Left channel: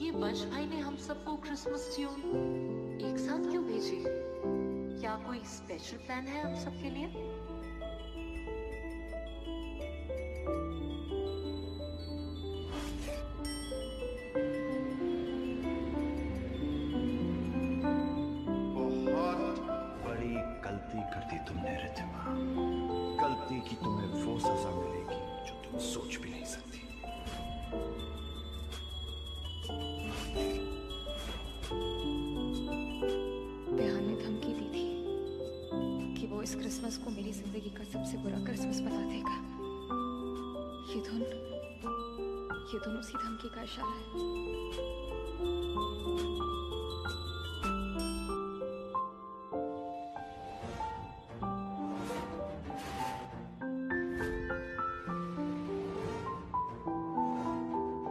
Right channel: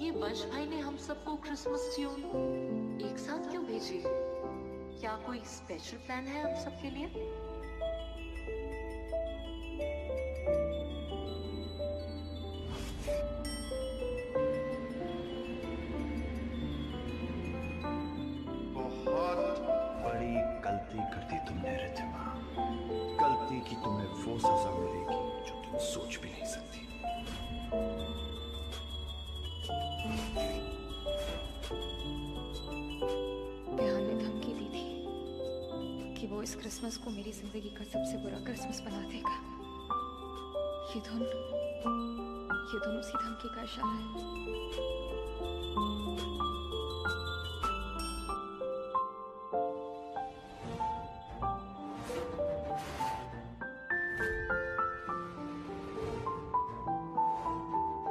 ये वंश भाई ने हम सबको क्रिसमस ट्यून एक साथ क्यों भेजी? क्या कोई स्पेशल प्लान है हम सबके लिए? बहुत बड़ी गलती कर दी तुमने रिद्धिमा। गलती की तुम्हें वो सजा मिलेगी जो तुम सोच भी नहीं सकती। विहान ने धमकी दी थी कि वो इस क्रिसमस को मेरी जिंदगी का सबसे बुरा क्रिसमस बना देगा। ये धुन उसी धमकी का इशारा है।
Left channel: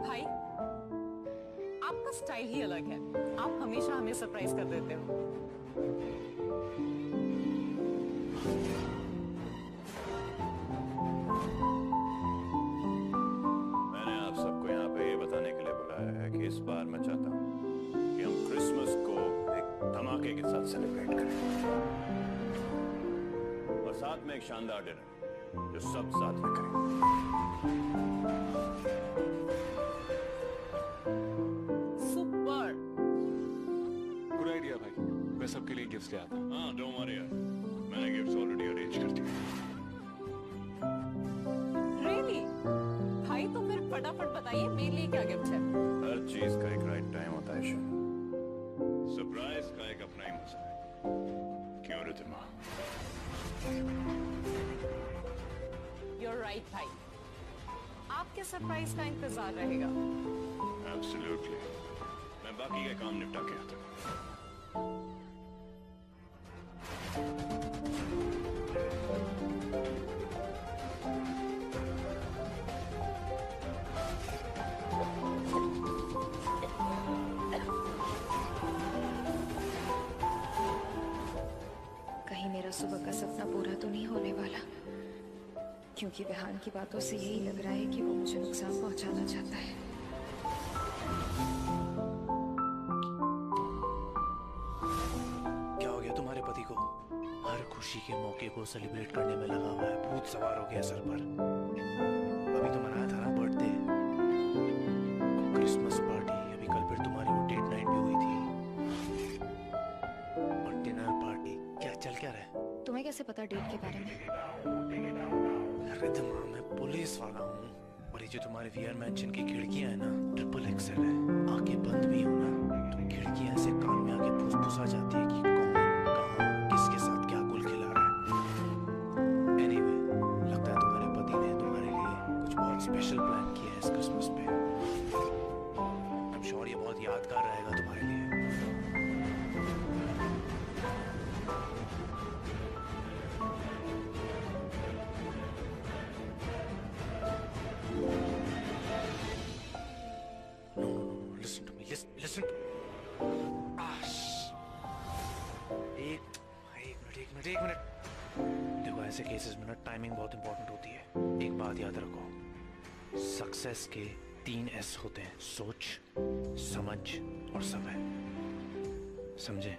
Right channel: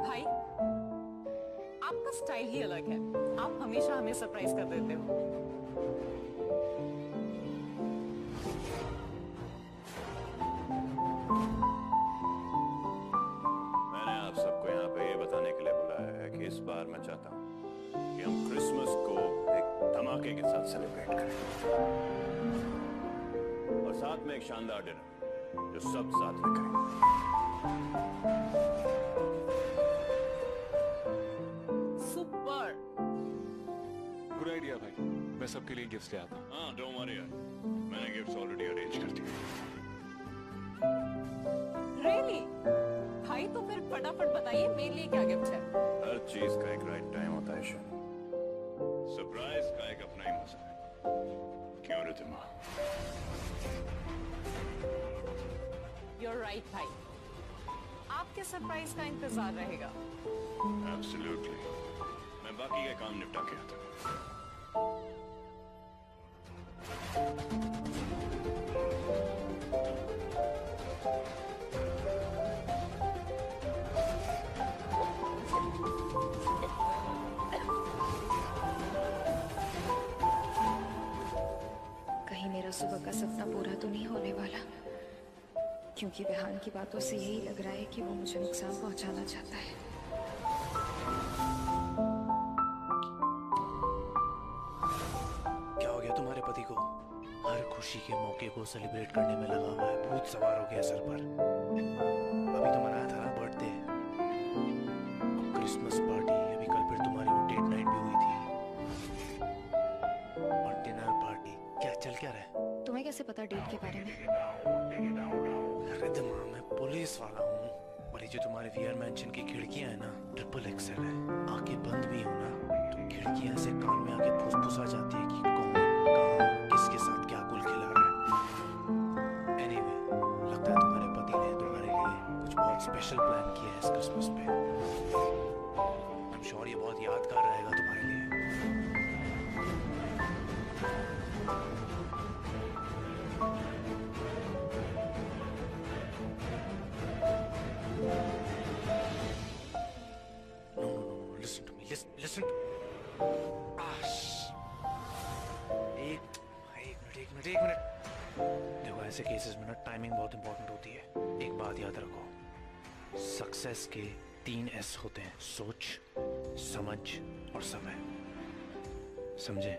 भाई, आपका स्टाइल ही अलग है। आप हमेशा हमें सरप्राइज कर देते हो। मैंने आप सबको यहाँ पे ये बताने के लिए बुलाया है कि इस बार मैं चाहता हूँ कि हम क्रिसमस को एक धमाके के साथ सेलिब्रेट करें और साथ में एक शानदार डिनर जो सब साथ में करें। सुपर। गुड आइडिया भाई। मैं सबके लिए गिफ्ट्स ले आता हूँ। हाँ, डोंट वरी यार, मैंने गिफ्ट्स ऑलरेडी अरेंज कर दिए। रियली? भाई तो फिर फटाफट बताइए मेरे लिए क्या गिफ्ट है। हर चीज का एक राइट टाइम होता है शान। सरप्राइज का एक अपना ही मजा है, क्यों रिद्धिमा? You're right भाई, आपके सरप्राइज का इंतजार रहेगा। एब्सोल्युटली। मैं बाकी का काम निपटा के आता हूँ। कहीं मेरा सुबह का सपना पूरा तो नहीं होने वाला, क्योंकि विहान की बातों से यही लग रहा है कि वो मुझे नुकसान पहुंचाना चाहता है। क्या हो गया तुम्हारे पति को? हर खुशी के मौके को सेलिब्रेट करने में लगा हुआ है। भूत सवार हो गया सर पर। अभी तो मनाया था ना बर्थडे, क्रिसमस पार्टी। अभी कल फिर तुम्हारी वो डेट नाइट भी हुई थी और डिनर पार्टी। क्या चल क्या रहा है? तुम्हें कैसे पता डेट के बारे में? रिद्धिमा, मैं पुलिस वाला हूँ और ये जो तुम्हारे वीआर मैंशन की खिड़कियां है ना, ट्रिपल एक्सेल है। आंखें बंद भी हो ना तो खिड़कियां ऐसे कान में आके फुसफुसा जाती है कि कौन कहाँ किसके साथ क्या गुल खिला रहा है। एनीवे, लगता है तुम्हारे पति ने तुम्हारे लिए कुछ बहुत स्पेशल प्लान किया है इस क्रिसमस पे। आई एम श्योर ये बहुत यादगार रहेगा तुम्हारे लिए। Listen to एक मिनट। देखो, ऐसे केसेस में ना टाइमिंग बहुत इंपॉर्टेंट होती है। एक बात याद रखो, सक्सेस के 3 S होते हैं, सोच, समझ और समय। समझे?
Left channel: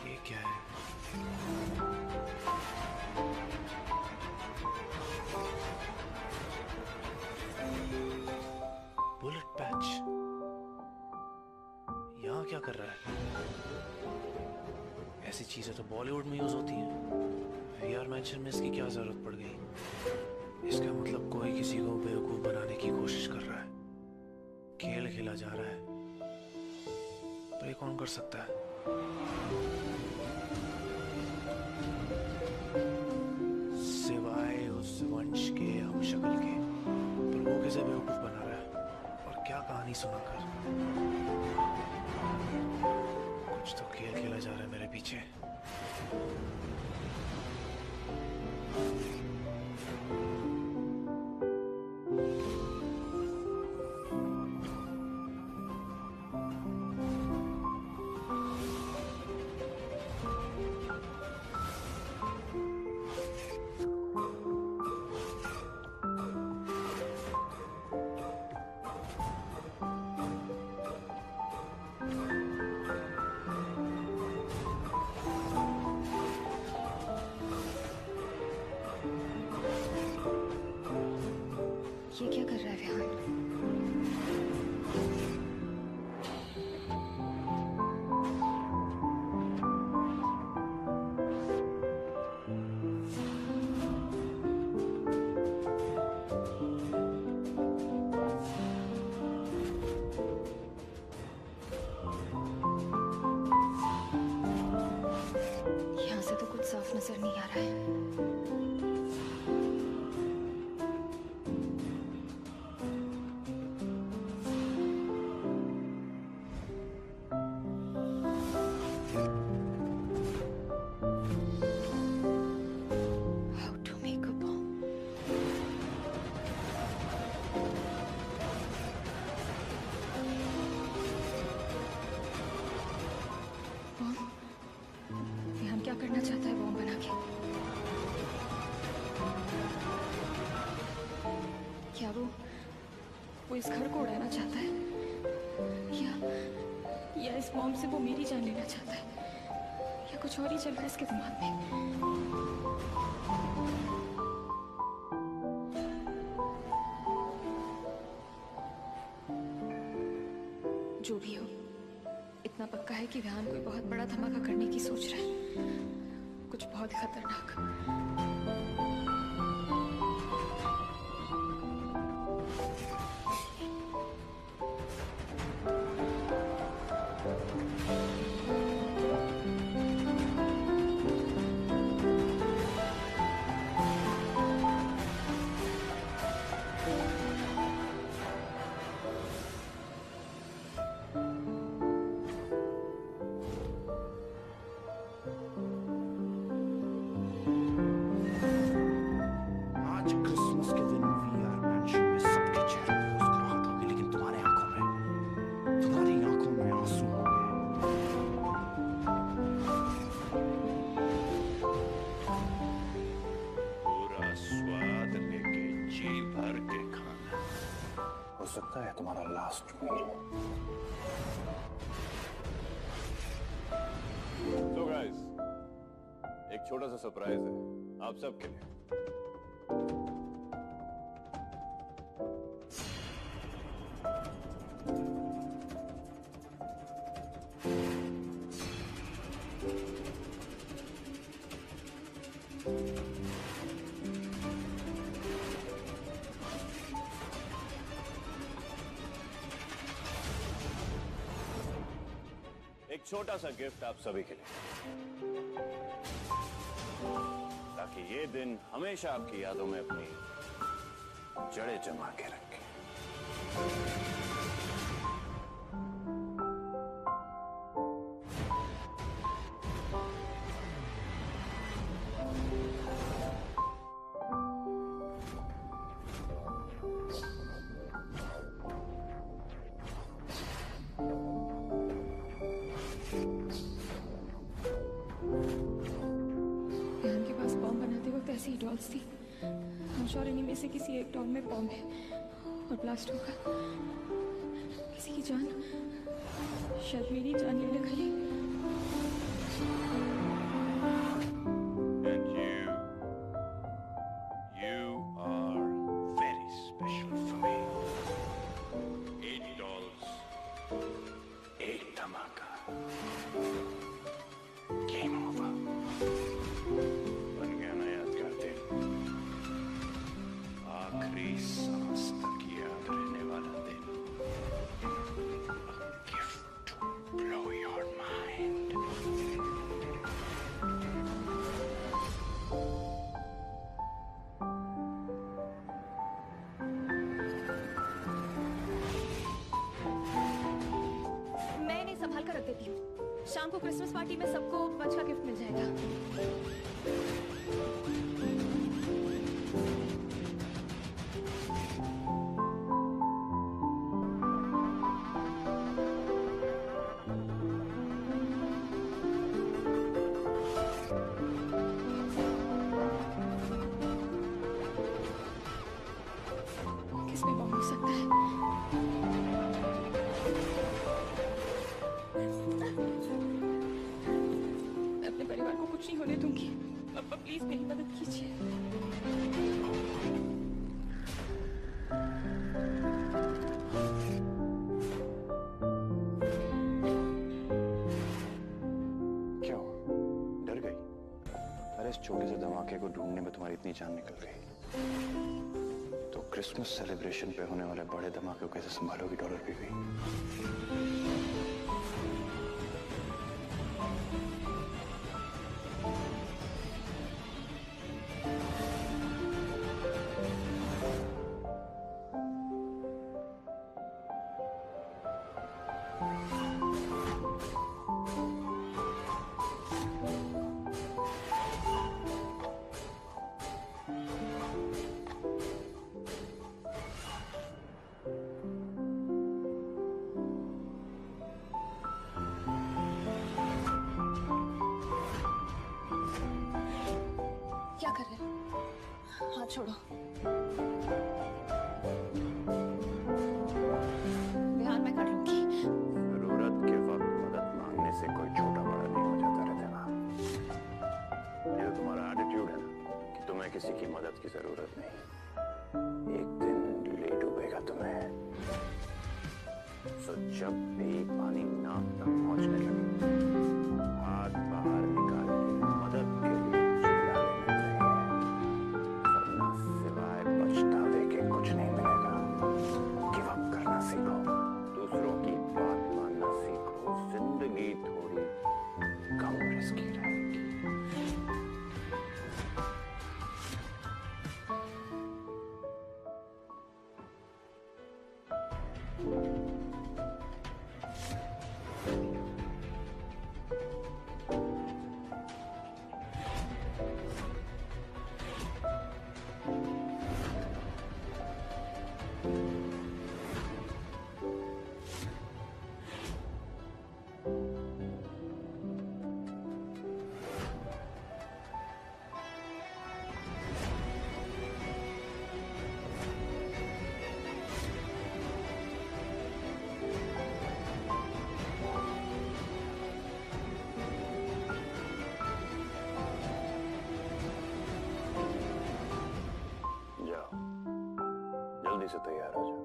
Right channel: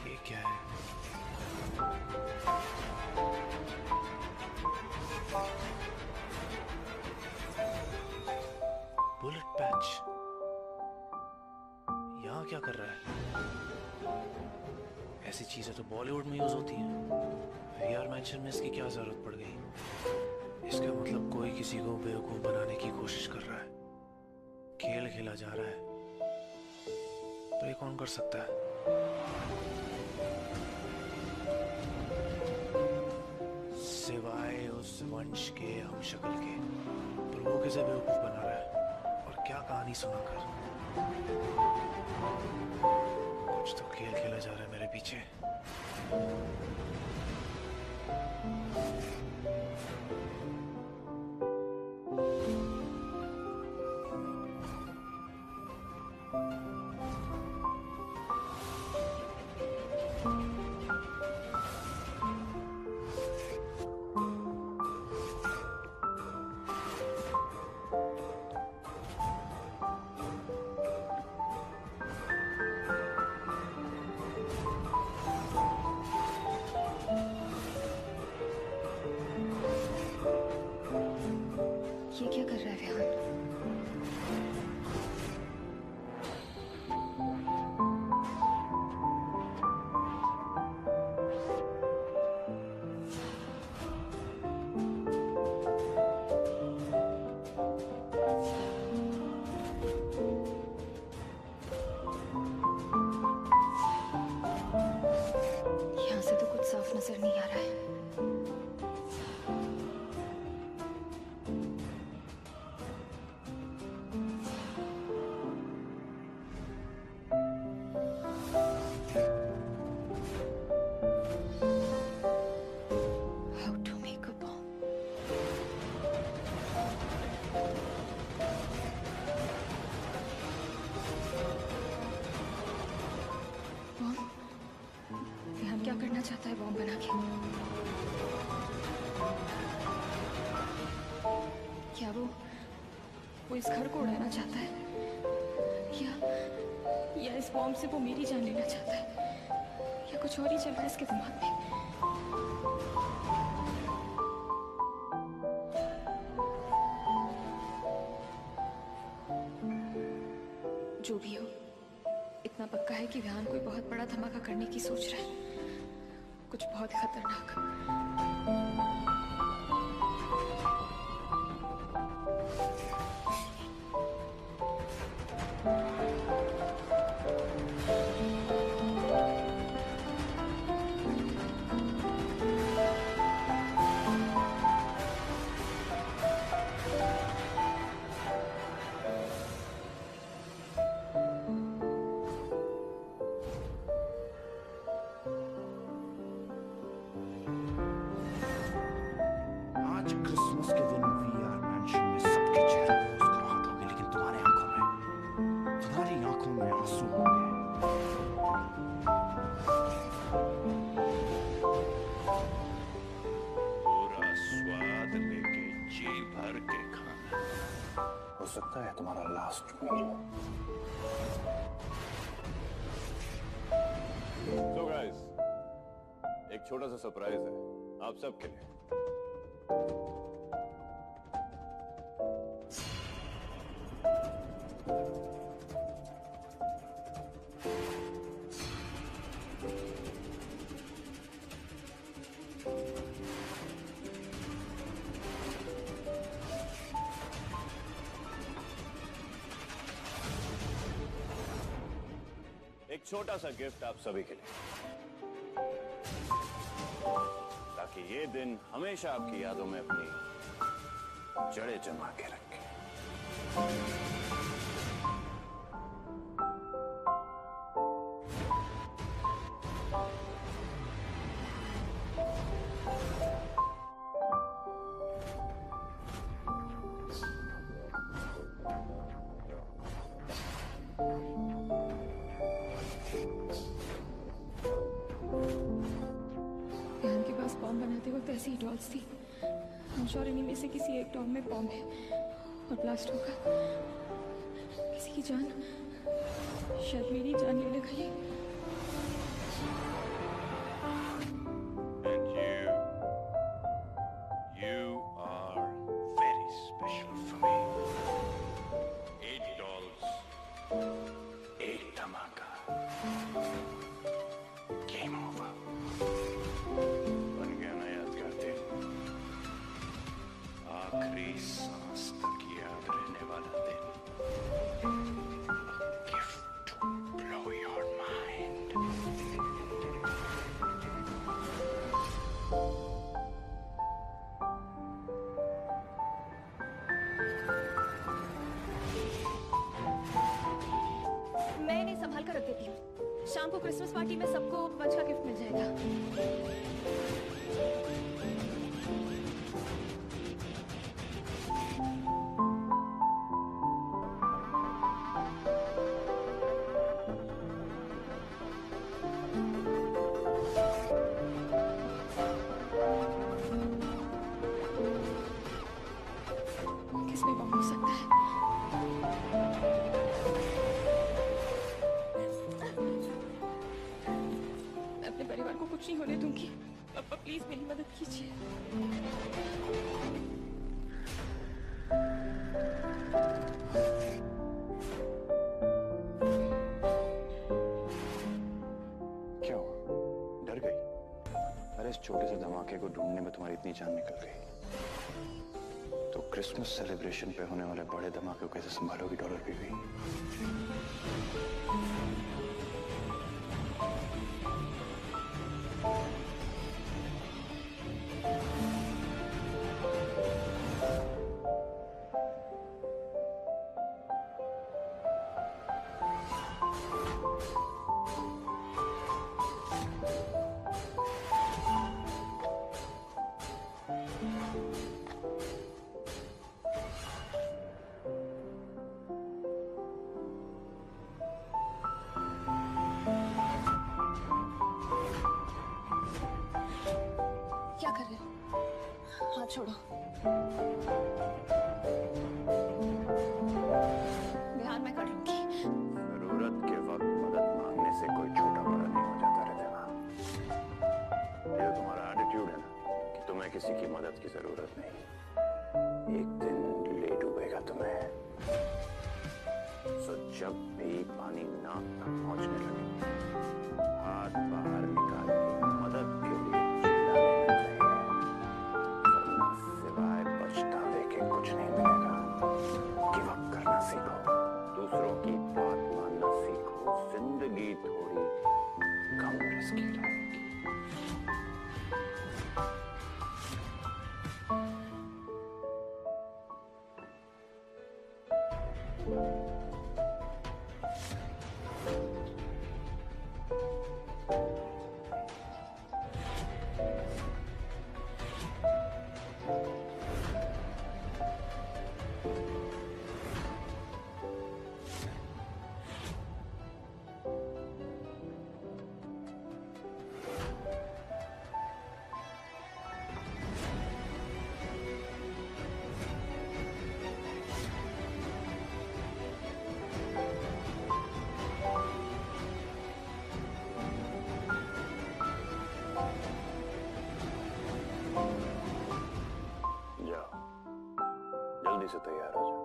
ये क्या है? Bullet patch. यहाँ क्या कर रहा है? ऐसी चीजें तो बॉलीवुड में यूज होती हैं। वीआर मैंशन में इसकी क्या जरूरत पड़ गई? इसका मतलब कोई किसी को बेवकूफ बनाने की कोशिश कर रहा है। खेल खेला जा रहा है। तो ये कौन कर सकता है? सिवाय उस वंश के हम शक्ल के। पर वो कैसे बेवकूफ बना रहा है और क्या कहानी सुनाकर? कुछ तो खेल खेला जा रहा है मेरे पीछे। ये क्या कर रहा है विहान? यहाँ से तो कुछ साफ नजर नहीं आ रहा है। How to make a bomb? Bomb? Vihaan क्या करना चाहता है बॉम्ब बना के? क्या वो इस घर को उड़ाना चाहता है? या इस बॉम्ब से वो मेरी जान लेना चाहता है? या कुछ और ही चल रहा है इसके दिमाग में? जो भी हो, इतना पक्का है कि विहान कोई बहुत बड़ा धमाका करने की सोच रहा है, कुछ बहुत खतरनाक। आज क्रिसमस के दिन वीआर मैंशन में सबके चेहरे पे मुस्कुराहट होगी, लेकिन तुम्हारी आंखों में आंसू होंगे। पूरा स्वाद लेके जी भर के खाना। हो सकता है तुम्हारा लास्ट मील। So guys, एक छोटा सा सरप्राइज है आप सबके लिए। एक छोटा सा गिफ्ट आप सभी के लिए, ताकि ये दिन हमेशा आपकी यादों में अपनी जड़ें जमा के रखे। विहान के पास बॉम्ब बनाते वक्त ऐसी ही डॉल्स थी। हम श्योर इन्हीं में से किसी एक डॉल में बॉम्ब है और ब्लास्ट होगा। किसी की जान, शायद मेरी जान ले लेगा ये। And you are very special for me. 8 dolls, 8 धमाका, game over. बन गया ना यादगार दिन, आखिरी सांस तक याद रहने वाला दिन। A gift to blow your mind. मैं इन्हें संभाल कर रख देती हूँ। शाम को क्रिसमस पार्टी में सबको बच का गिफ्ट मिल जाएगा। किसमें बॉम्ब हो सकता है? मैं अपने परिवार को कुछ नहीं होने दूंगी। पापा प्लीज मेरी मदद कीजिए। इस छोटे से धमाके को ढूंढने में तुम्हारी इतनी जान निकल गई, तो क्रिसमस सेलिब्रेशन पे होने वाले बड़े धमाके को कैसे संभालोगी डॉलर बीवी? क्या कर रहे हो? हाथ छोड़ो। ध्यान मैं कर लूंगी। जरूरत के वक्त मदद मांगने से कोई छोटा बड़ा नहीं हो जाता रहता। ये तो तुम्हारा एटीट्यूड है ना कि तुम्हें किसी की मदद की जरूरत नहीं, एक दिन ले डूबेगा तुम्हें। सो जब भी पानी नाक तक पहुंचने लगे, हाथ बाहर निकाल के मदद के लिए चिल्ला लेना चाहिए, वरना सिवाय पछतावे के कुछ नहीं मिलेगा। गिव अप करना सीखो, दूसरों की बात मानना सीखो, जिंदगी थोड़ी कम रिस्की रहेगी। जल्दी से तैयार हो जाओ,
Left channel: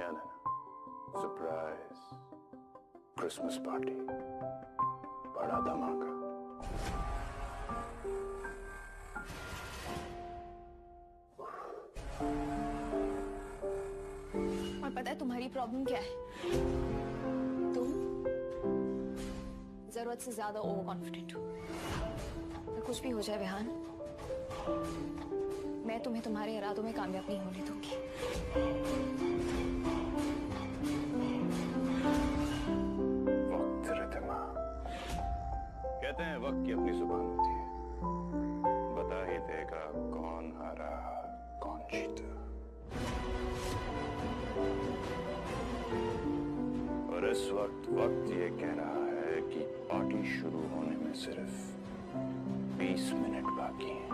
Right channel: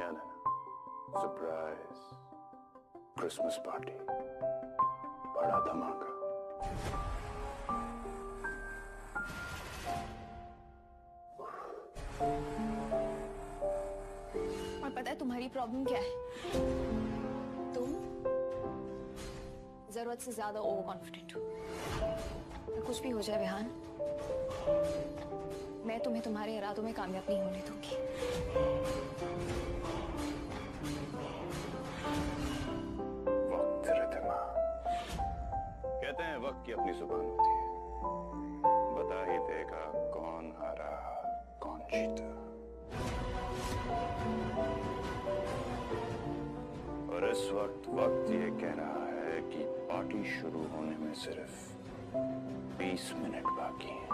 याद है ना? सरप्राइज क्रिसमस पार्टी, बड़ा धमाका। और पता है तुम्हारी प्रॉब्लम क्या है? तुम जरूरत से ज्यादा ओवर कॉन्फिडेंट हो। तो कुछ भी हो जाए विहान, मैं तुम्हें तुम्हारे इरादों में कामयाब नहीं होने दूंगी। वक्त रिद्धिमा, कहते हैं वक्त की अपनी जुबान होती है, बता ही देगा कौन हारा कौन जीता। और इस वक्त ये कह रहा है कि पार्टी शुरू होने में सिर्फ 20 मिनट बाकी हैं।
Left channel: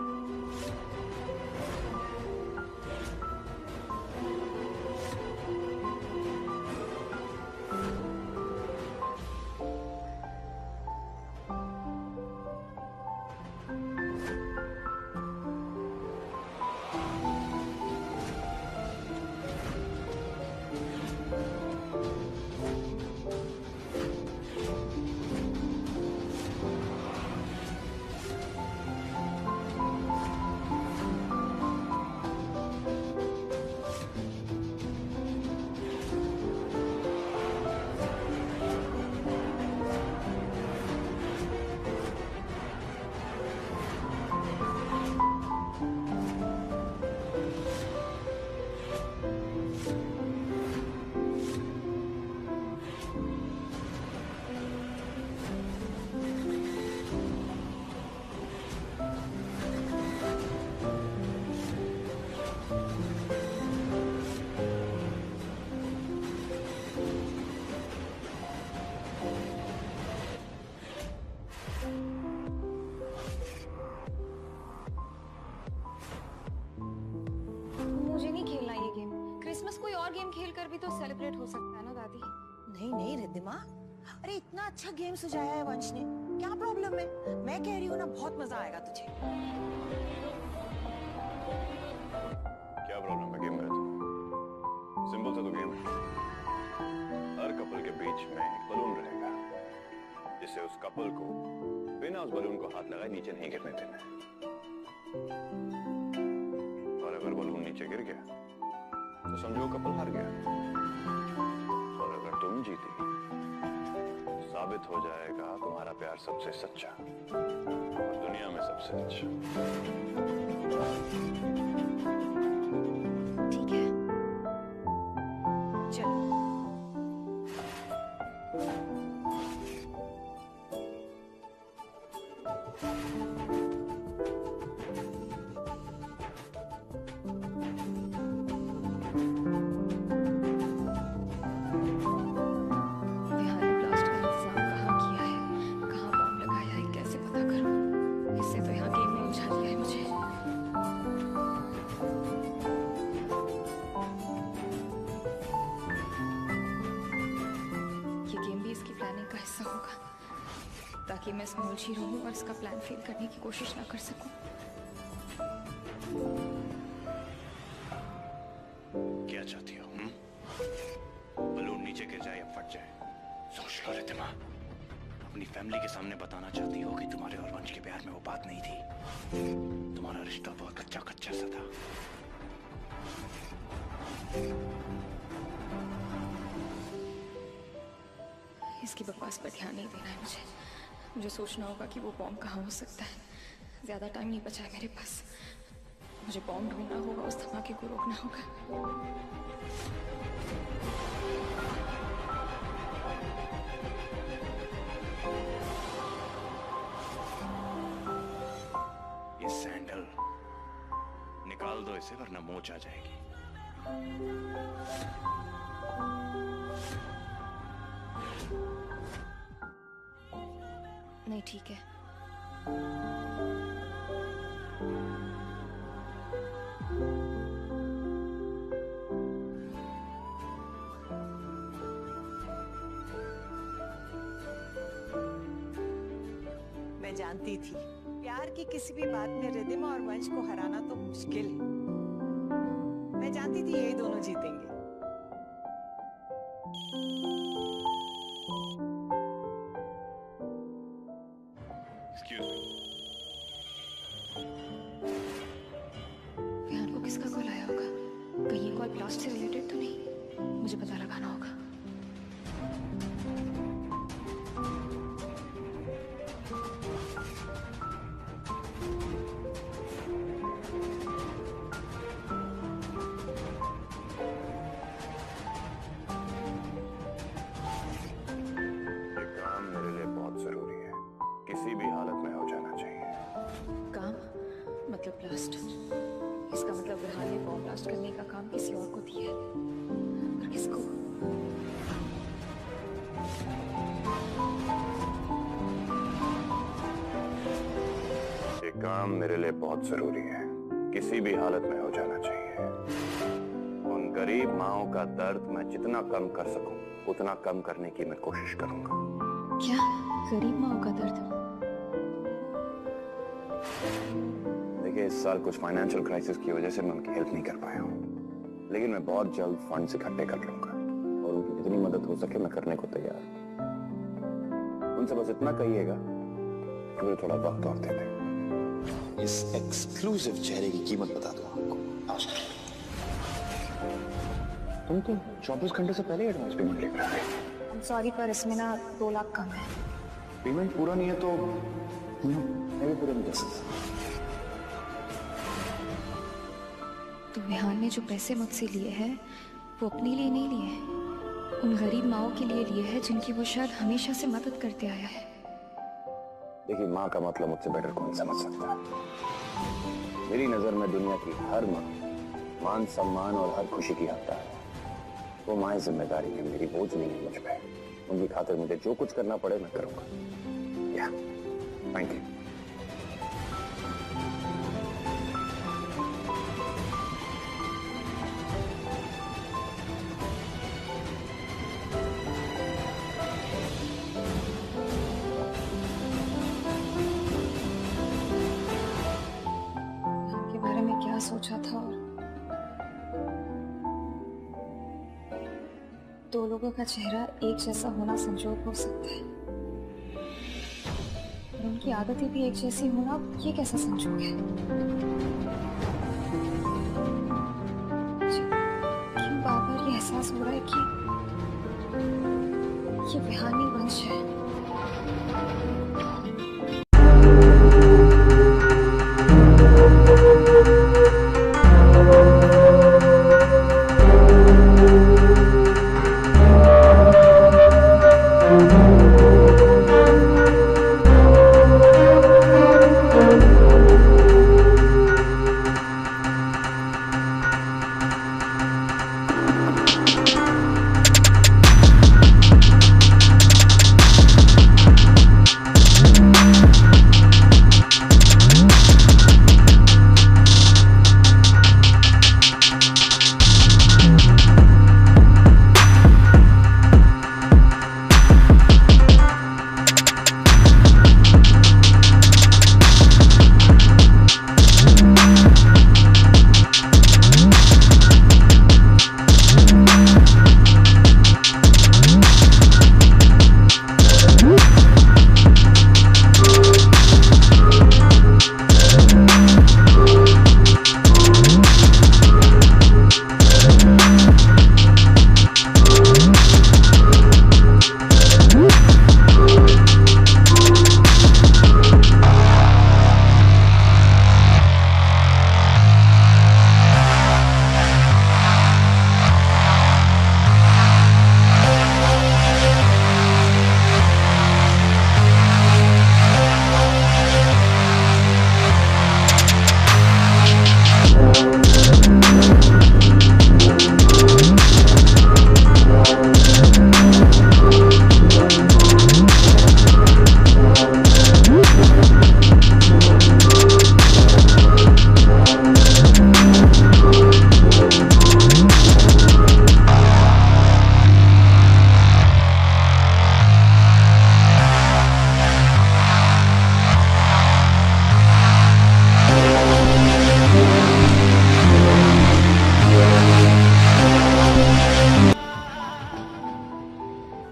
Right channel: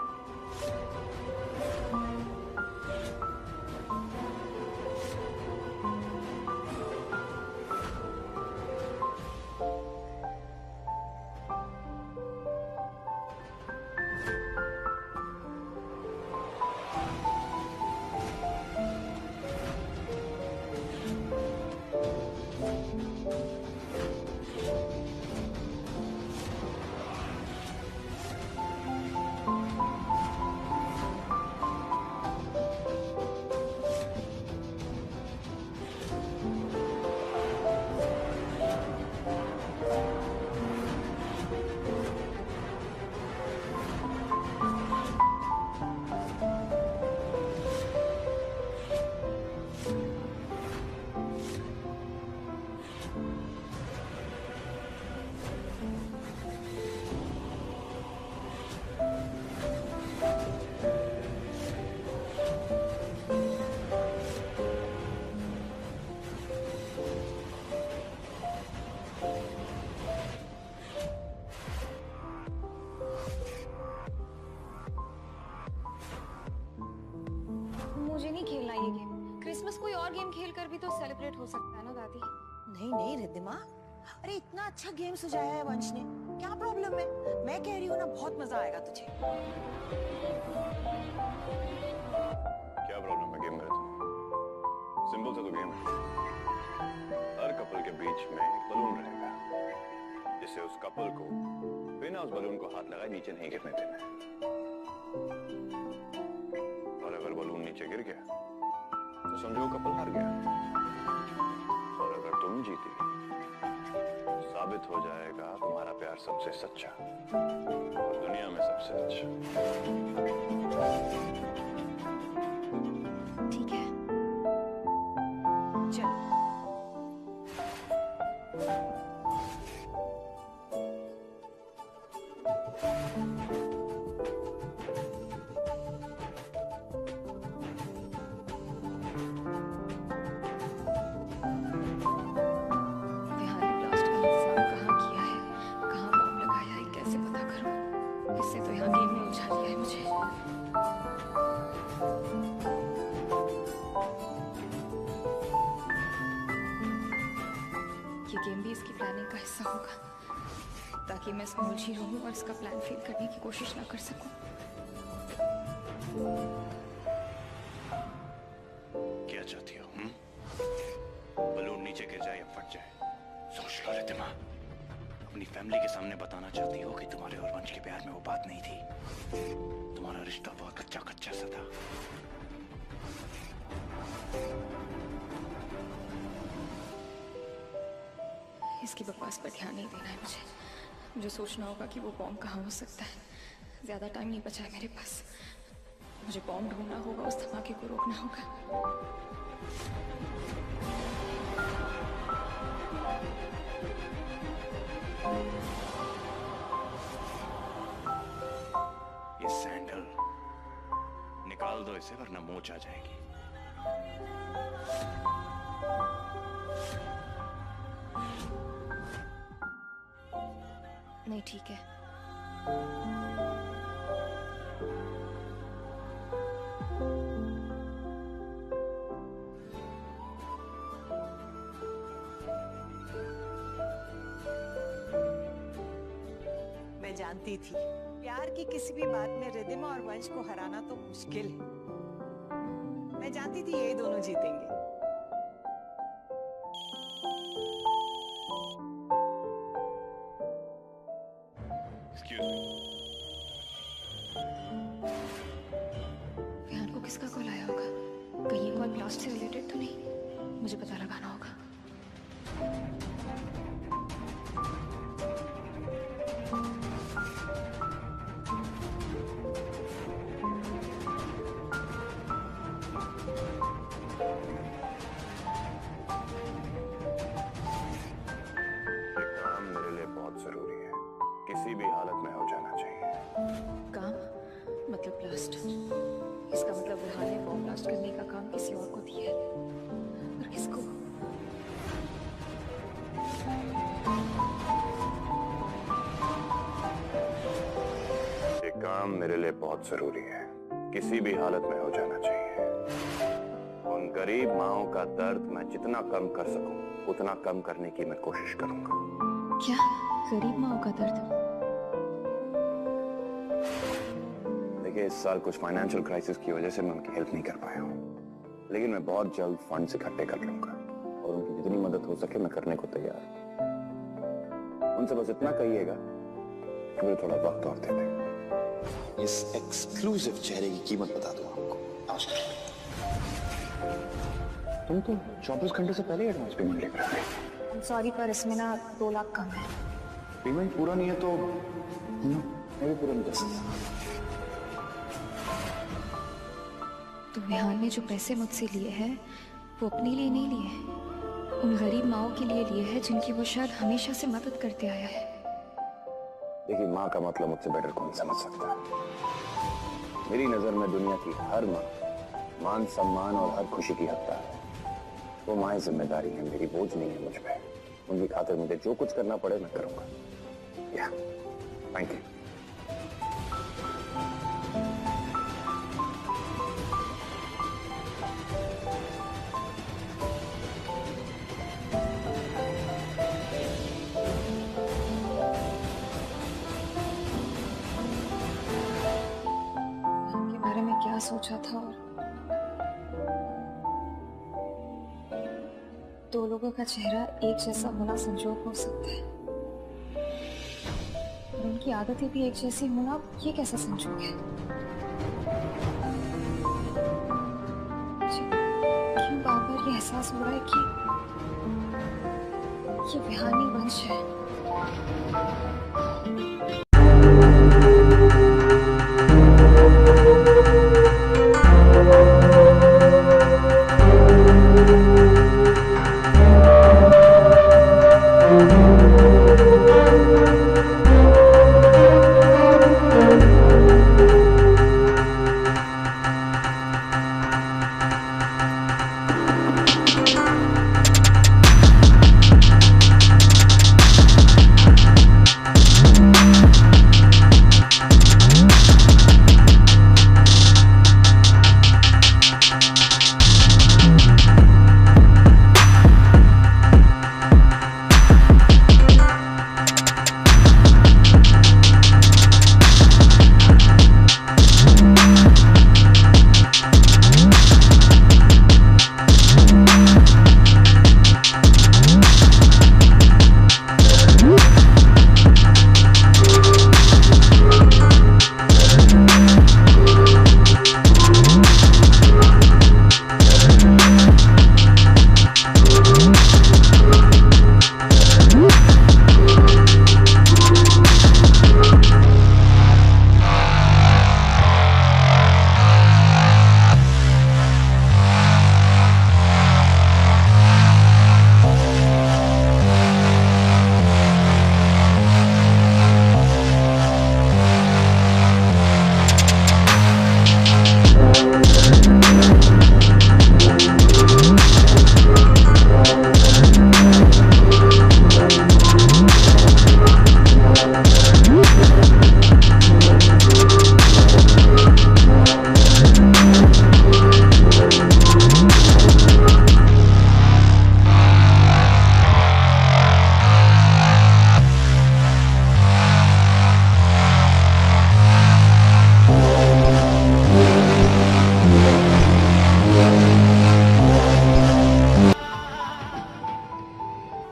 मुझे नहीं खेलना ये गेम। क्रिसमस कोई और गेम खेल कर भी तो सेलिब्रेट हो सकता है ना दादी। नहीं नहीं रिद्धिमा, अरे इतना अच्छा गेम सजाया है वंश ने, क्या प्रॉब्लम है? मैं कह रही हूँ ना, बहुत मजा आएगा तुझे। क्या प्रॉब्लम है गेम में? सिंपल सा तो गेम है। हर कपल के बीच में एक बलून रहेगा, जिसे उस कपल को बिना उस बलून को हाथ लगाए नीचे नहीं गिरने देना है। और अगर बलून नीचे गिर गया तो समझो कपल हार गया। और अगर तुम जीती साबित हो जाएगा तुम्हारा प्यार सबसे सच्चा और दुनिया में सबसे अच्छा। ठीक है, चलो। विहान ने ब्लास्ट का इंतजाम कहाँ किया है, कहाँ बॉम्ब लगाया है, कैसे पता करूं? इससे तो यहाँ गेम में उलझा दिया है मुझे। ये गेम भी इसकी प्लानिंग का हिस्सा होगा, ताकि मैं इसमें उलझी रहूं और इसका प्लान फेल करने की कोशिश ना कर सकूं। क्या चाहती हो? बलून नीचे गिर जाए या फट जाए? सोच लो रिद्धिमा। अपनी फैमिली के सामने बताना चाहती हो कि तुम्हारे और वंश के प्यार में वो बात नहीं थी। तुम्हारा रिश्ता बहुत कच्चा कच्चा सा था। इसकी बकवास पर ध्यान नहीं देना है मुझे। मुझे सोचना होगा कि वो बॉम्ब कहाँ हो सकता है। ज्यादा टाइम नहीं बचा है मेरे पास। मुझे बॉम्ब ढूंढना होगा, उस धमाके को रोकना होगा। ये सैंडल निकाल दो इसे, वरना मोच आ जाएगी। नहीं, ठीक है। मैं जानती थी प्यार की किसी भी बात में रिद्धिमा और वंश को हराना तो मुश्किल है। मैं जानती थी ये दोनों जीतेंगे। Excuse me. विहान को किसका कॉल आया होगा? कहीं ये कॉल ब्लास्ट से रिलेटेड तो नहीं? मुझे पता लगाना होगा। ये काम मेरे लिए बहुत जरूरी है। किसी भी हालत में हो जाना चाहिए। काम मतलब ब्लास्ट। इसका मतलब विहान ने बॉम्ब ब्लास्ट करने का काम किसी और को दिया है। और किसको? ये काम मेरे लिए बहुत जरूरी है। किसी भी हालत में हो जाना चाहिए। उन गरीब माँओं का दर्द मैं जितना कम कर सकूं उतना कम करने की मैं कोशिश करूंगा। क्या? गरीब माँ का दर्द? देखिए, इस साल कुछ फाइनेंशियल क्राइसिस की वजह से मैं उनकी हेल्प नहीं कर पाया हूँ, लेकिन मैं बहुत जल्द फंड्स इकट्ठे कर लूंगा और उनकी जितनी मदद हो सके मैं करने को तैयार हूँ। उनसे बस इतना कहिएगा कि मुझे थोड़ा वक्त और दे दें। इस एक्सक्लूसिव चेहरे की कीमत बता दूं आपको। नमस्कार। तुम तो 24 घंटे से पहले एडवांस पेमेंट लेकर आ गए। सॉरी, पर इसमें ना 2 लाख कम है। पेमेंट पूरा नहीं है तो मैं भी पूरा नहीं कर सकता। तो विहान ने जो पैसे मुझसे लिए हैं वो अपने लिए नहीं लिए हैं, उन गरीब माँओं के लिए लिए हैं जिनकी वो शायद हमेशा से मदद करते आया है। देखिए, माँ का मतलब मुझसे बेटर कौन समझ सकता है। मेरी नजर में दुनिया की हर माँ मान सम्मान और हर खुशी की हकदार है। वो माँ जिम्मेदारी है, मेरी बोझ नहीं है मुझ पे। उनकी खातिर मुझे जो कुछ करना पड़े मैं करूंगा। या थैंक यू। के बारे में क्या सोचा था और 2 लोगों का चेहरा एक जैसा होना संजोग हो सकता है। और उनकी आदतें भी एक जैसी होना, ये कैसा संजोग है? क्यों बार बार ये एहसास हो रहा है कि ये विहानी वंश है?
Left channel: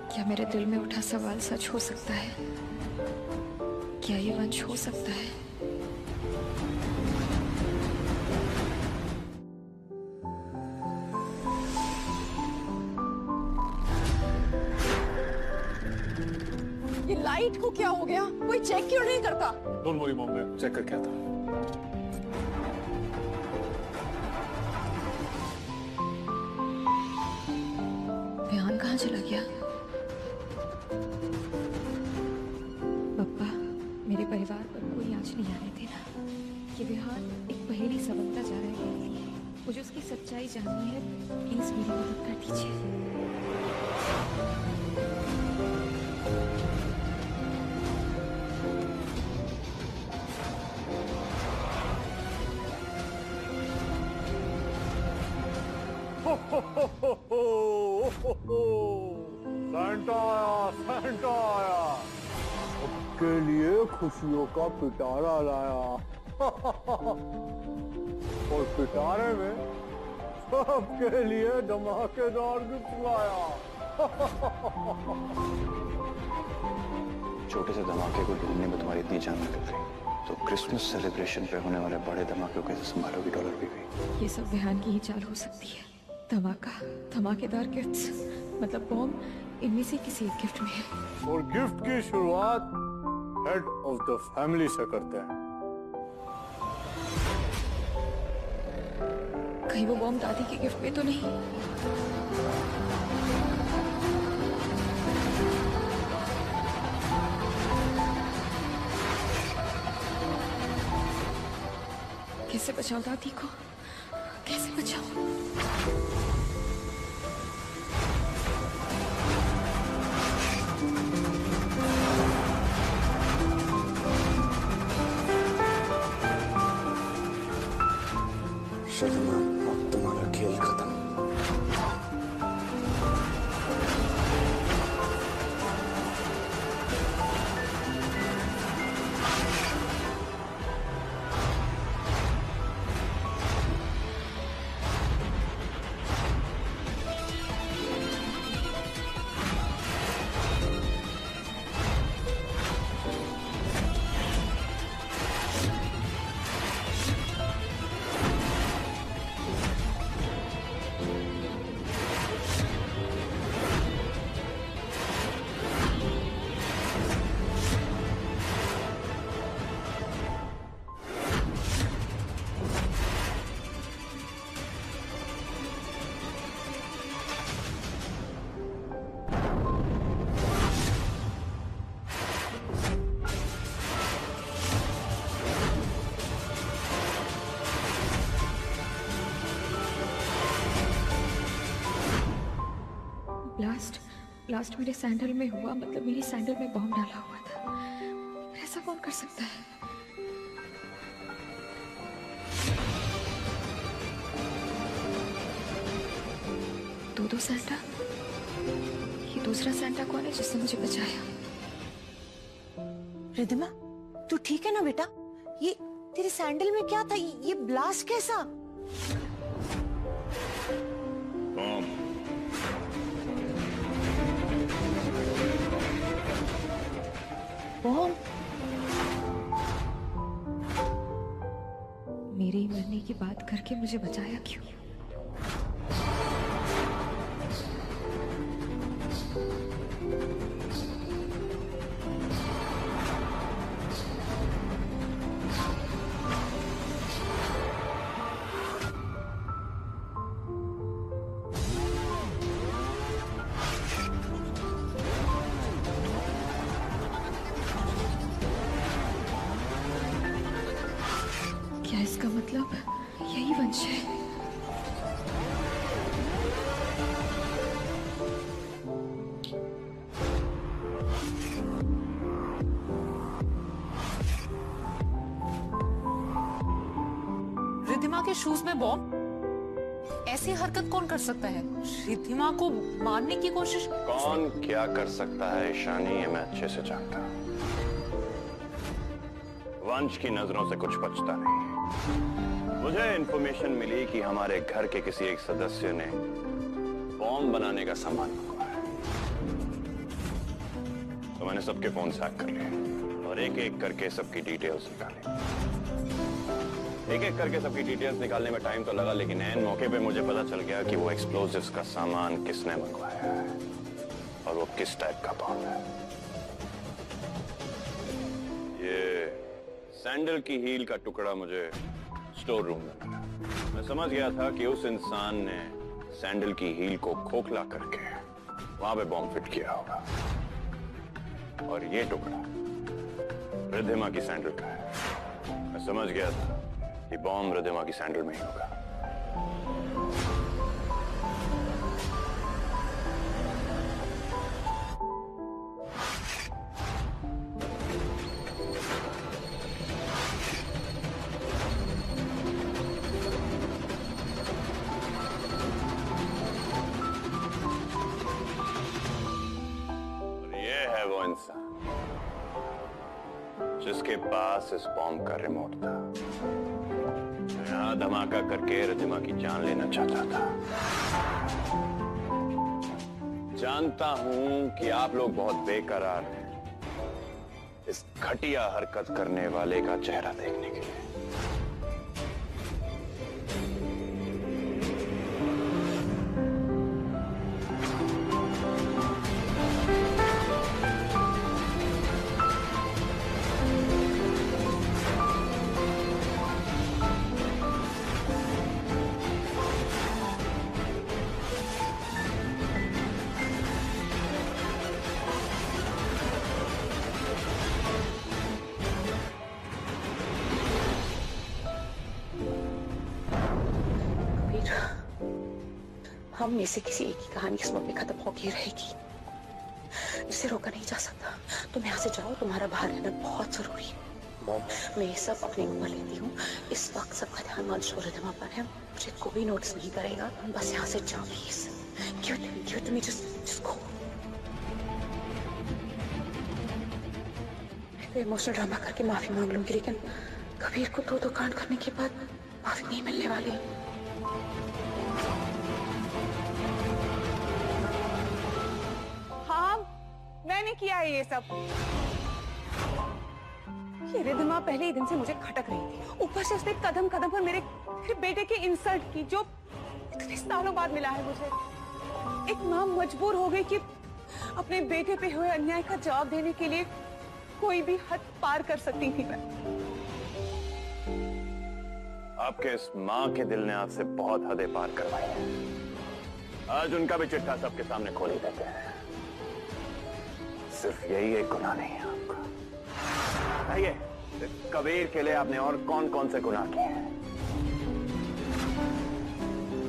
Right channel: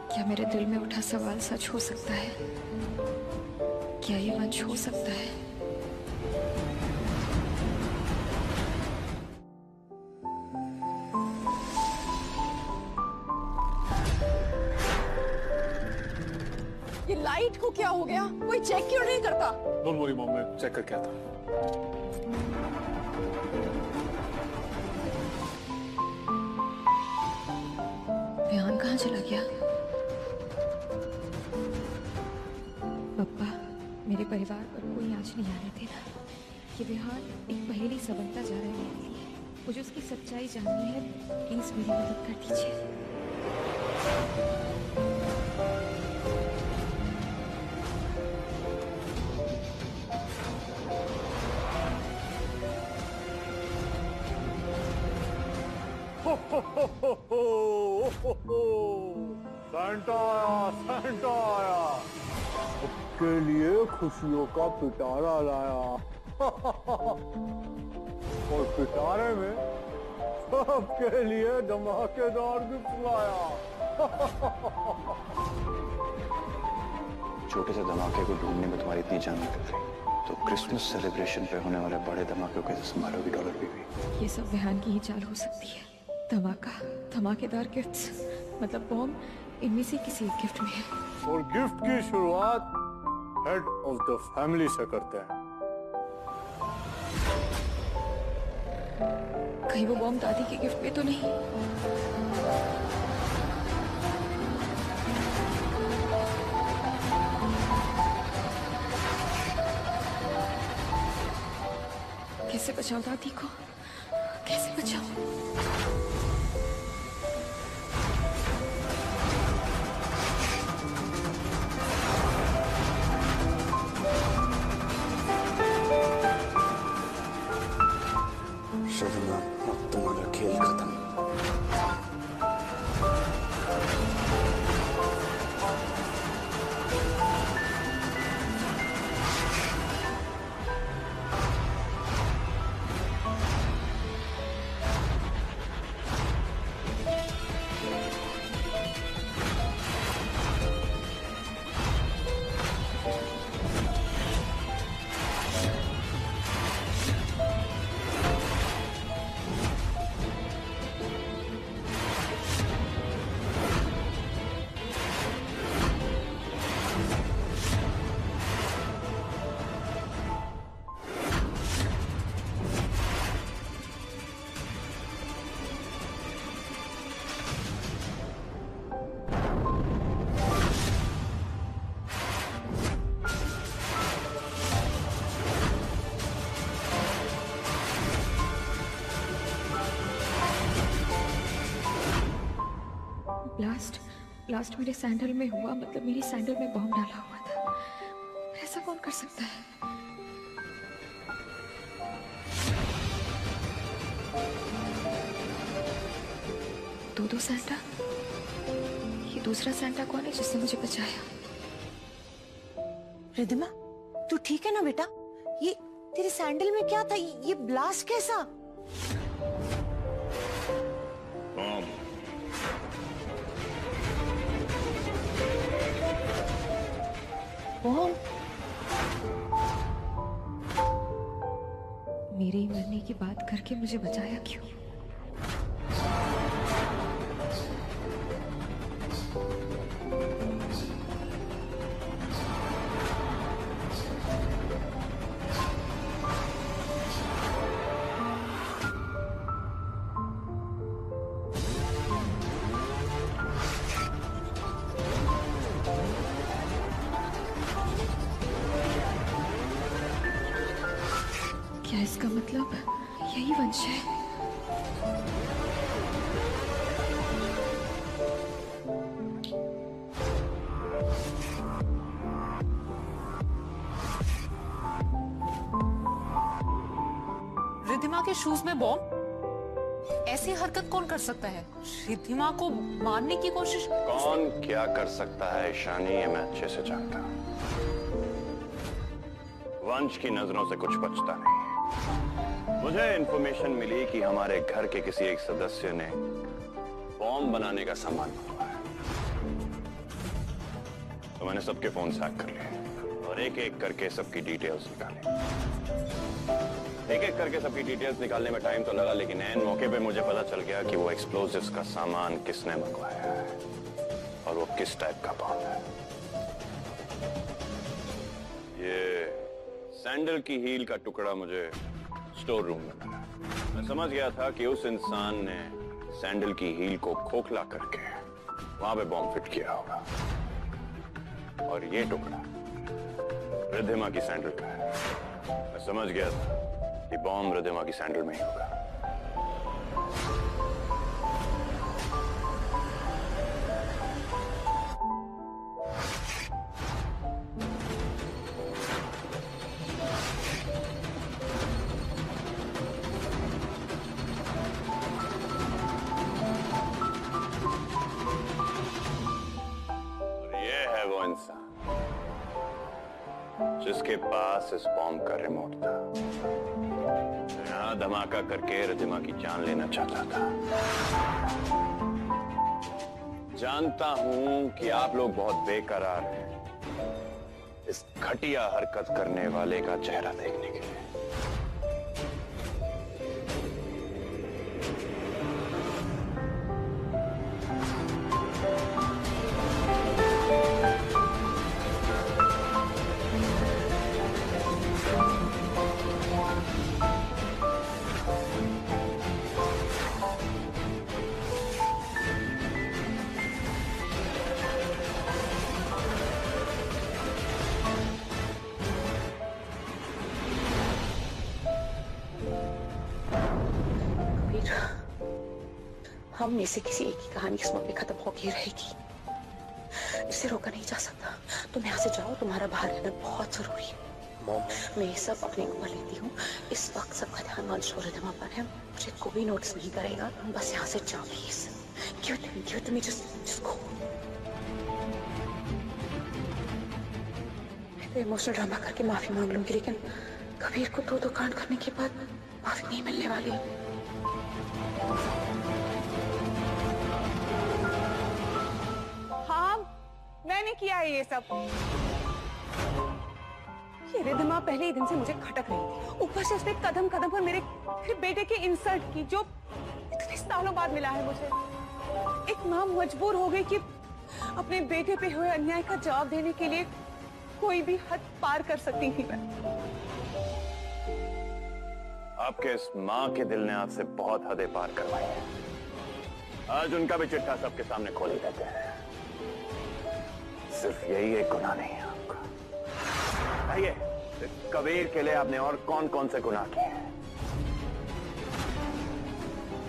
क्या मेरे दिल में उठा सवाल सच हो सकता है? क्या ये वंश हो सकता है? ये लाइट को क्या हो गया? कोई चेक क्यों नहीं करता? डोंट वरी मॉम, मैं चेक करके आता। विहान कहाँ चला गया? पप्पा, मेरे परिवार पर कोई आँच नहीं आने देना। ये विहान एक पहेली सा बनता जा रहा है मेरे लिए। मुझे उसकी सच्चाई जाननी है, प्लीज मेरी मदद कर दीजिए। सैंटा आया, सबके लिए खुशियों का पिटारा लाया। और पिटारे में सबके लिए धमाकेदार गिफ्ट लाया। छोटे से धमाके को ढूंढने में तुम्हारी इतनी जान निकल गई, तो क्रिसमस सेलिब्रेशन पे होने वाले बड़े धमाके को कैसे संभालोगी डॉलर बीवी? ये सब विहान की ही चाल हो सकती है। धमाका, धमाकेदार गिफ्ट्स, मतलब बॉम्ब इनमें से किसी एक गिफ्ट में है। और गिफ्ट की शुरुआत हेड ऑफ द फैमिली से करते हैं। कहीं वो बॉम्ब दादी के गिफ्ट में तो नहीं? कैसे बचाओ दादी को? कैसे बचाओ? शर्मा, अब तुम्हारा खेल खत्म। ब्लास्ट मेरे सैंडल में हुआ, मतलब मेरी सैंडल में बॉम्ब डाला हुआ था। ऐसा कौन कर सकता है? दो सैंटा? ये दूसरा सैंटा कौन है जिसने मुझे बचाया? रिद्धिमा, तू ठीक है ना बेटा? ये तेरे सैंडल में क्या था? ये ब्लास्ट कैसा? बॉम्ब? मेरे ही मरने की बात करके मुझे बचाया क्यों? क्या इसका मतलब यही वंश है? रिद्धिमा के शूज में बॉम्ब? ऐसी हरकत कौन कर सकता है? रिद्धिमा को मारने की कोशिश? कौन क्या कर सकता है ईशानी, ये मैं अच्छे से जानता हूं। वंश की नजरों से कुछ बचता नहीं। मुझे इंफॉर्मेशन मिली कि हमारे घर के किसी एक सदस्य ने बॉम्ब बनाने का सामान मंगवाया, तो मैंने सबके फोन हैक कर लिए और एक एक करके सबकी डिटेल्स निकाली। एक एक करके सबकी डिटेल्स निकालने में टाइम तो लगा, लेकिन ऐन मौके पे मुझे पता चल गया कि वो एक्सप्लोजिव्स का सामान किसने मंगवाया है और वो किस टाइप का बॉम्ब है। ये सैंडल की हील का टुकड़ा मुझे स्टोर रूम में मिला। मैं समझ गया था कि उस इंसान ने सैंडल की हील को खोखला करके वहां पे बॉम्ब फिट किया होगा, और ये टुकड़ा रिद्धिमा की सैंडल का है। मैं समझ गया था कि बॉम्ब रिद्धिमा की सैंडल में ही होगा। वो इंसान जिसके पास इस बॉम्ब का रिमोट था, जो यहां धमाका करके रिद्धिमा की जान लेना चाहता था। जानता हूं कि आप लोग बहुत बेकरार हैं इस घटिया हरकत करने वाले का चेहरा देखने के लिए। हम में से किसी एक की कहानी इस वक्त खत्म होगी रहेगी। इसे रोका नहीं जा सकता। तुम यहाँ से जाओ, तुम्हारा बाहर रहना बहुत जरूरी है। मैं ये सब अपने ऊपर लेती हूँ। इस वक्त सबका ध्यान वंश और रिद्धिमा पर है। मुझे कोई नोटिस नहीं करेगा। तुम बस यहाँ से जाओ प्लीज। क्यों तुम्हें just go। मैं तो इमोशनल ड्रामा करके माफी मांग लूंगी, लेकिन कबीर को दो कांड करने के बाद माफी नहीं मिलने वाली। मैंने किया है ये सब। ये रिद्धिमा पहले ही दिन से मुझे खटक रही थी। ऊपर से उसने कदम कदम पर मेरे बेटे की इंसल्ट की, जो इतने सालों बाद मिला है मुझे। एक मां मजबूर हो गई कि अपने बेटे पे हुए अन्याय का जवाब देने के लिए कोई भी हद पार कर सकती थी मैं। आपके इस मां के दिल ने आपसे बहुत हदें पार करवाई हैं। आज उनका भी चिट्ठा सबके सामने खोल ही देते हैं। सिर्फ यही एक गुनाह नहीं है आपका। आइए, कबीर के लिए आपने और कौन कौन से गुनाह किए हैं?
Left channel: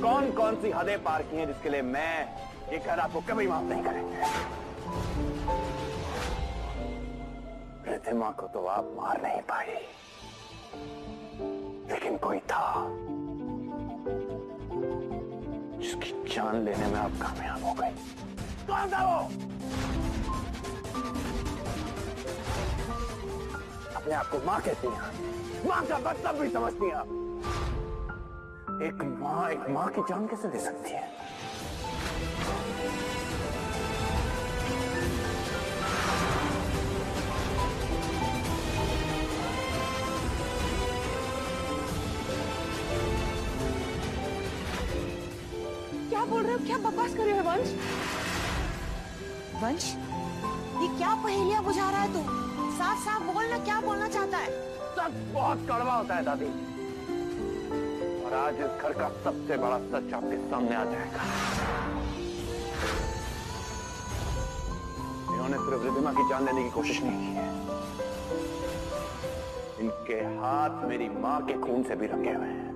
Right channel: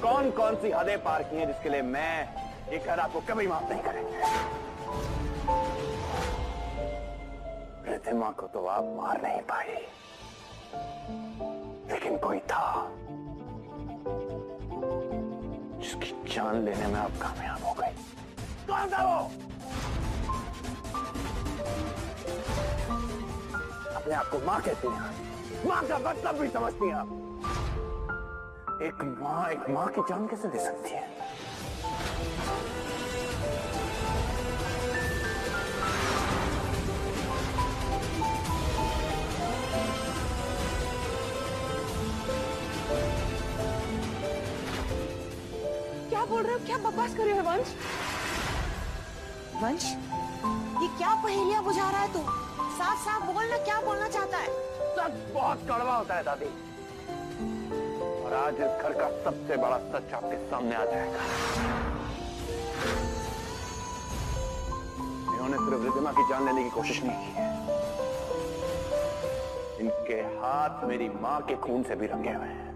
कौन कौन सी हदें पार की हैं जिसके लिए मैं ये घर आपको कभी माफ नहीं करेंगे। रिद्धिमा को तो आप मार नहीं पाई, लेकिन कोई था जिसकी जान लेने में आप कामयाब हो गई। कौन था वो? अपने आप को मां कहती हैं, मां का मतलब भी समझती हैं आप। एक मां की जान कैसे दे सकती है? क्या बोल रहे हो? क्या बकवास कर रहे हो वंश? वंश, ये क्या पहेलियां बुझा रहा है तू? साफ साफ बोलना, क्या बोलना चाहता है? सच बहुत कड़वा होता है दादी, और आज इस घर का सबसे बड़ा सच आपके सामने आ जाएगा। इन्होंने सिर्फ रिद्धिमा की जान लेने की कोशिश नहीं की है, इनके हाथ मेरी मां के खून से भी रंगे हुए हैं।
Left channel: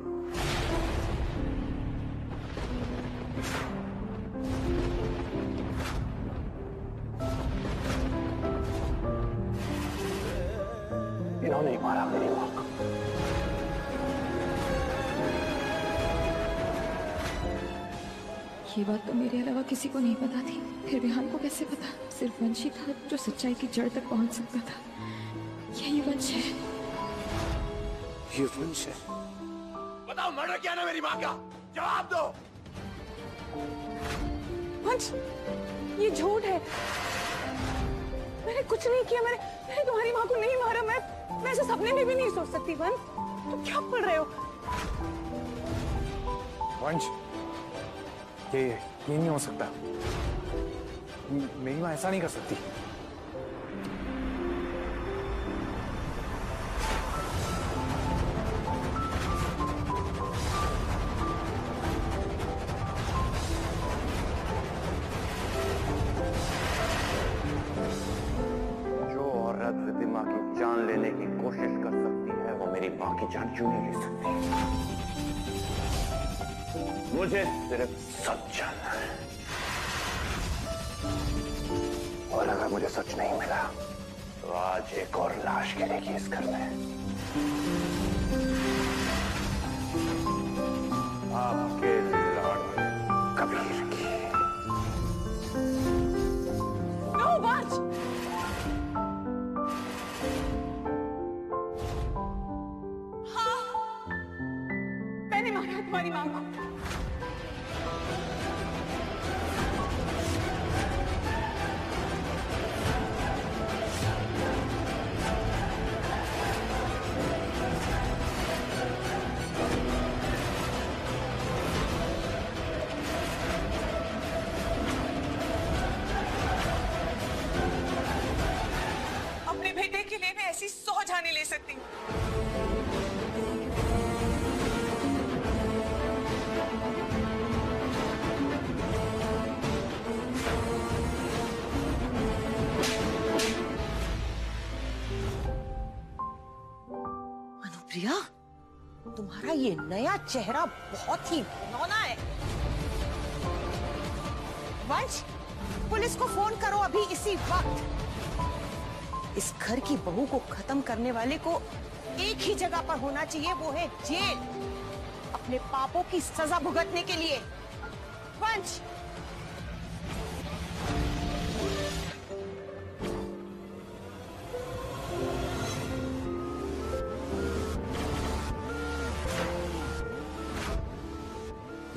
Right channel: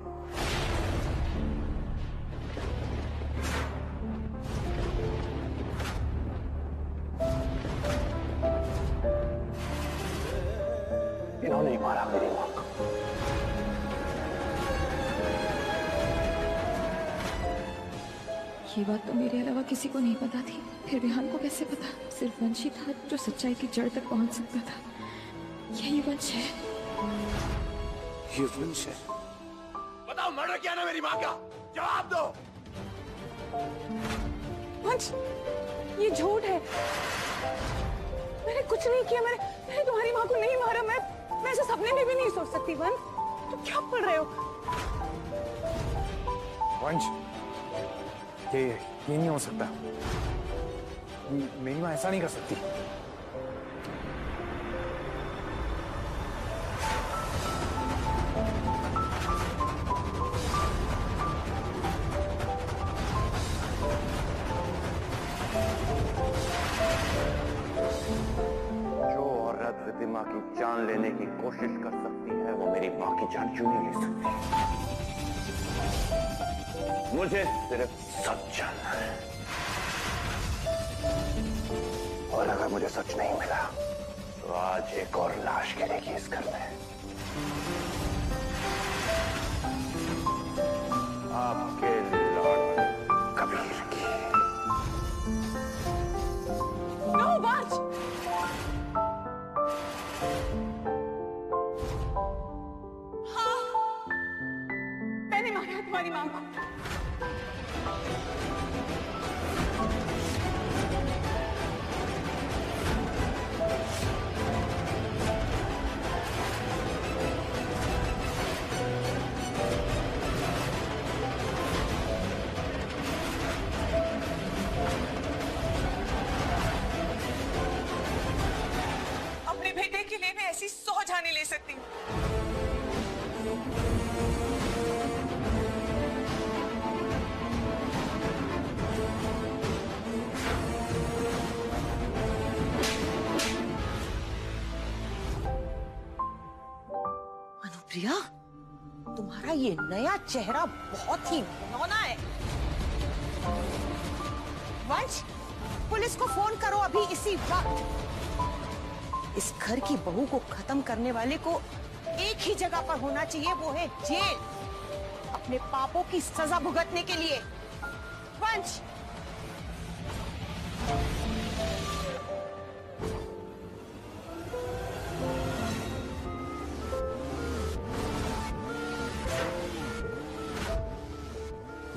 इन्होंने ही मारा मेरी मां को। ये बात तो मेरे अलावा किसी को नहीं पता थी। फिर विहान को कैसे पता? सिर्फ वंश ही था जो सच्चाई की जड़ तक पहुंच सकता था। यही वंश है। ये वंश है। बताओ, मर्डर किया ना मेरी मां का? जवाब दो। वंश, ये झूठ है। मैंने कुछ नहीं किया। मैंने तुम्हारी मां को नहीं मारा। मैं ऐसे सपने में भी नहीं सोच सकती। वंश, तुम क्या पढ़ रहे हो? वंश, ये नहीं हो सकता। मेरी मां ऐसा नहीं कर सकती। जो औरत रिद्धिमा की जान लेने की कोशिश कर सकती है, वो मेरी मां की जान क्यों नहीं ले सकती? मुझे सिर्फ सच जानना है, और अगर मुझे सच नहीं मिला तो आज एक और लाश गिरेगी इस घर में। आपके लाड़ कबीर की। नो वंश, हाँ, मैंने मारा तुम्हारी मां को। अपने बेटे के लिए मैं ऐसी 100 जाने ले सकती हूँ। अनुप्रिया, तुम्हारा ये नया चेहरा बहुत ही घिनौना है। वंश, पुलिस को फोन करो अभी इसी वक्त। इस घर की बहू को खत्म करने वाले को एक ही जगह पर होना चाहिए, वो है जेल, अपने पापों की सजा भुगतने के लिए। वंश,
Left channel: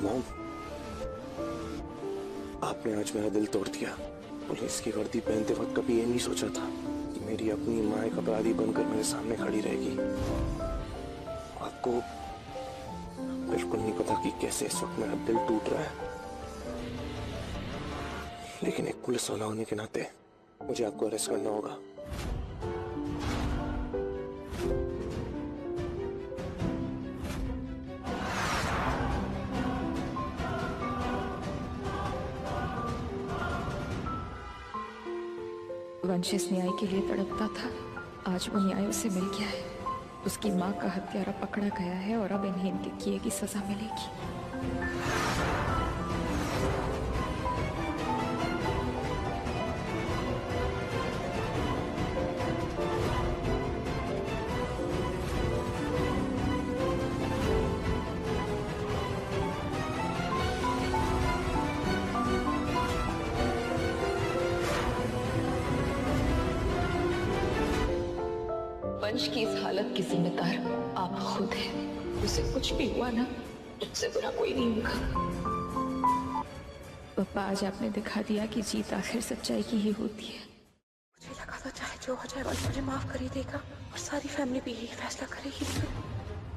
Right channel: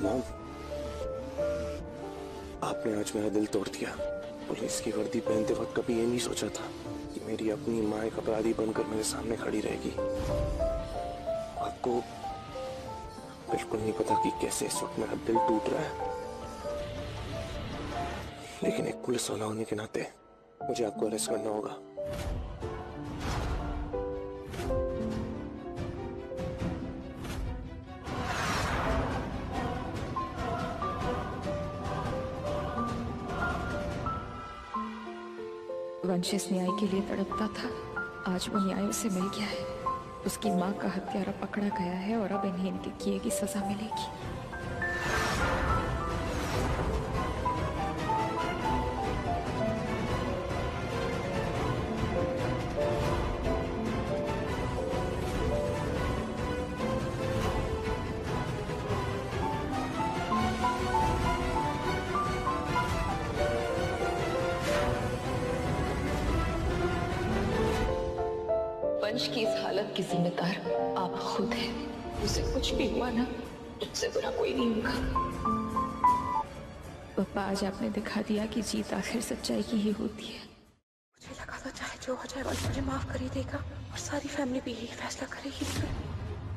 मॉम, आपने आज मेरा दिल तोड़ दिया। पुलिस की वर्दी पहनते वक्त कभी ये नहीं सोचा था कि मेरी अपनी मां एक अपराधी बनकर मेरे सामने खड़ी रहेगी। आपको बिल्कुल नहीं पता कि कैसे इस वक्त मेरा दिल टूट रहा है, लेकिन एक पुलिस वाला होने के नाते मुझे आपको अरेस्ट करना होगा। वंश इस न्याय के लिए तड़पता था। आज वो न्याय उसे मिल गया है। उसकी मां का हत्यारा पकड़ा गया है और अब इन्हें इनके किए की सजा मिलेगी। वंश की इस हालत की जिम्मेदार आप खुद हैं। उसे कुछ भी हुआ ना, उससे बुरा कोई नहीं होगा। पापा, आज आपने दिखा दिया कि जीत आखिर सच्चाई की ही होती है। मुझे लगा था चाहे जो हो जाए वंश मुझे माफ कर ही देगा और सारी फैमिली भी यही फैसला करेगी,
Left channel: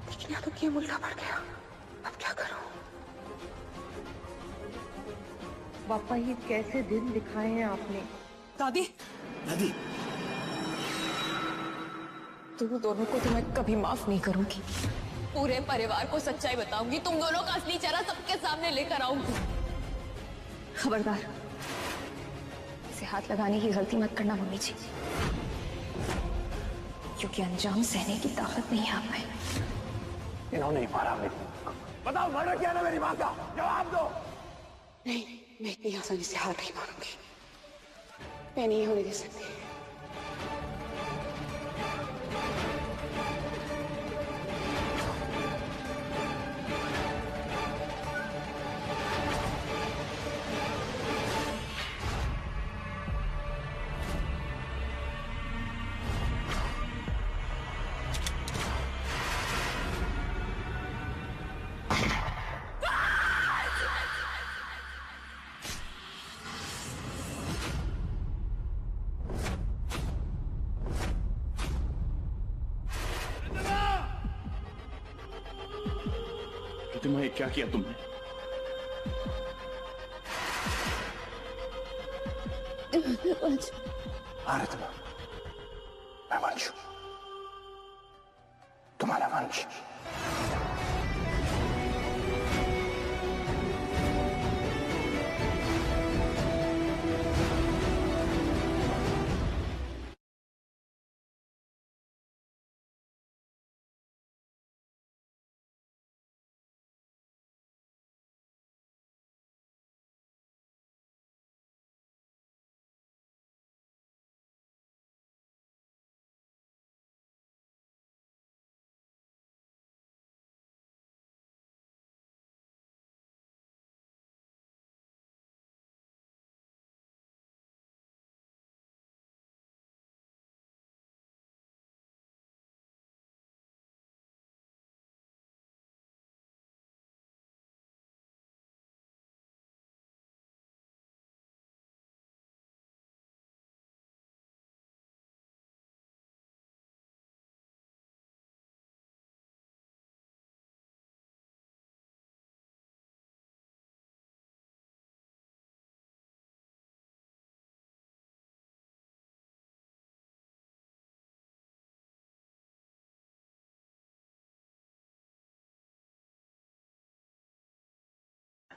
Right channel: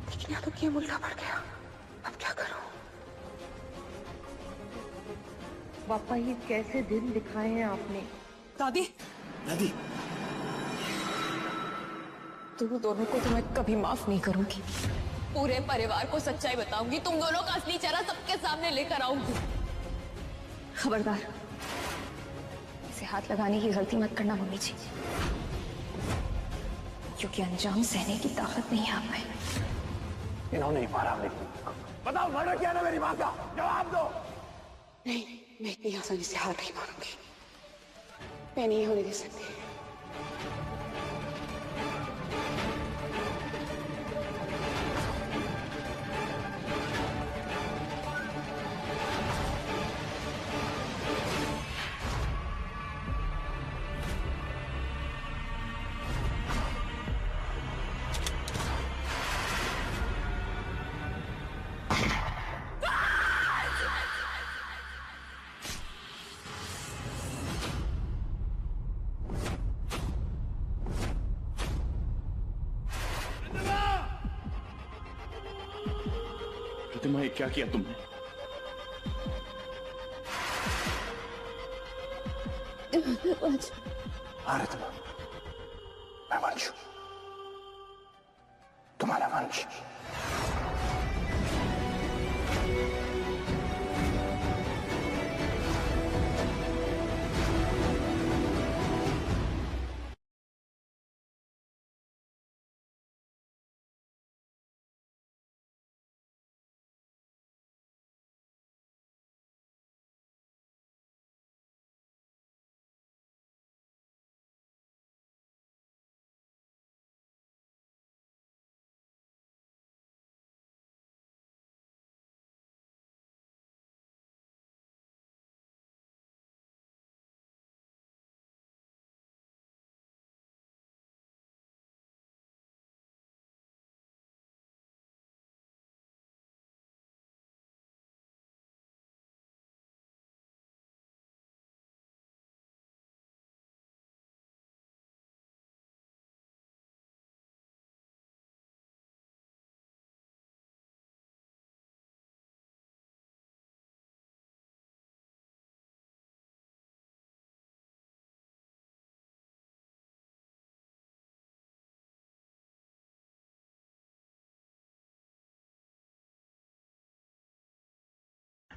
लेकिन यहाँ तो गेम उल्टा पड़ गया। अब क्या करूं? पापा, ये कैसे दिन दिखाए हैं आपने? दादी, दादी, तुम दोनों को तो मैं कभी माफ नहीं करूंगी। पूरे परिवार को सच्चाई बताऊंगी। तुम दोनों का असली चेहरा सबके सामने लेकर आऊंगी। खबरदार, इसे हाथ लगाने की गलती मत करना मम्मी जी, क्योंकि अंजाम सहने की ताकत नहीं है आप में। इन्होंने ही मारा मेरी माँ को। बताओ, मर्डर किया ना मेरी माँ का? जवाब दो। नहीं, मैं इतनी आसानी से हार नहीं मानूंगी। मैं नहीं होने दे सकती। प्रतिमा, क्या किया तुमने? हाँ रितिमा, मैं वंश हूं, तुम्हारा वंश।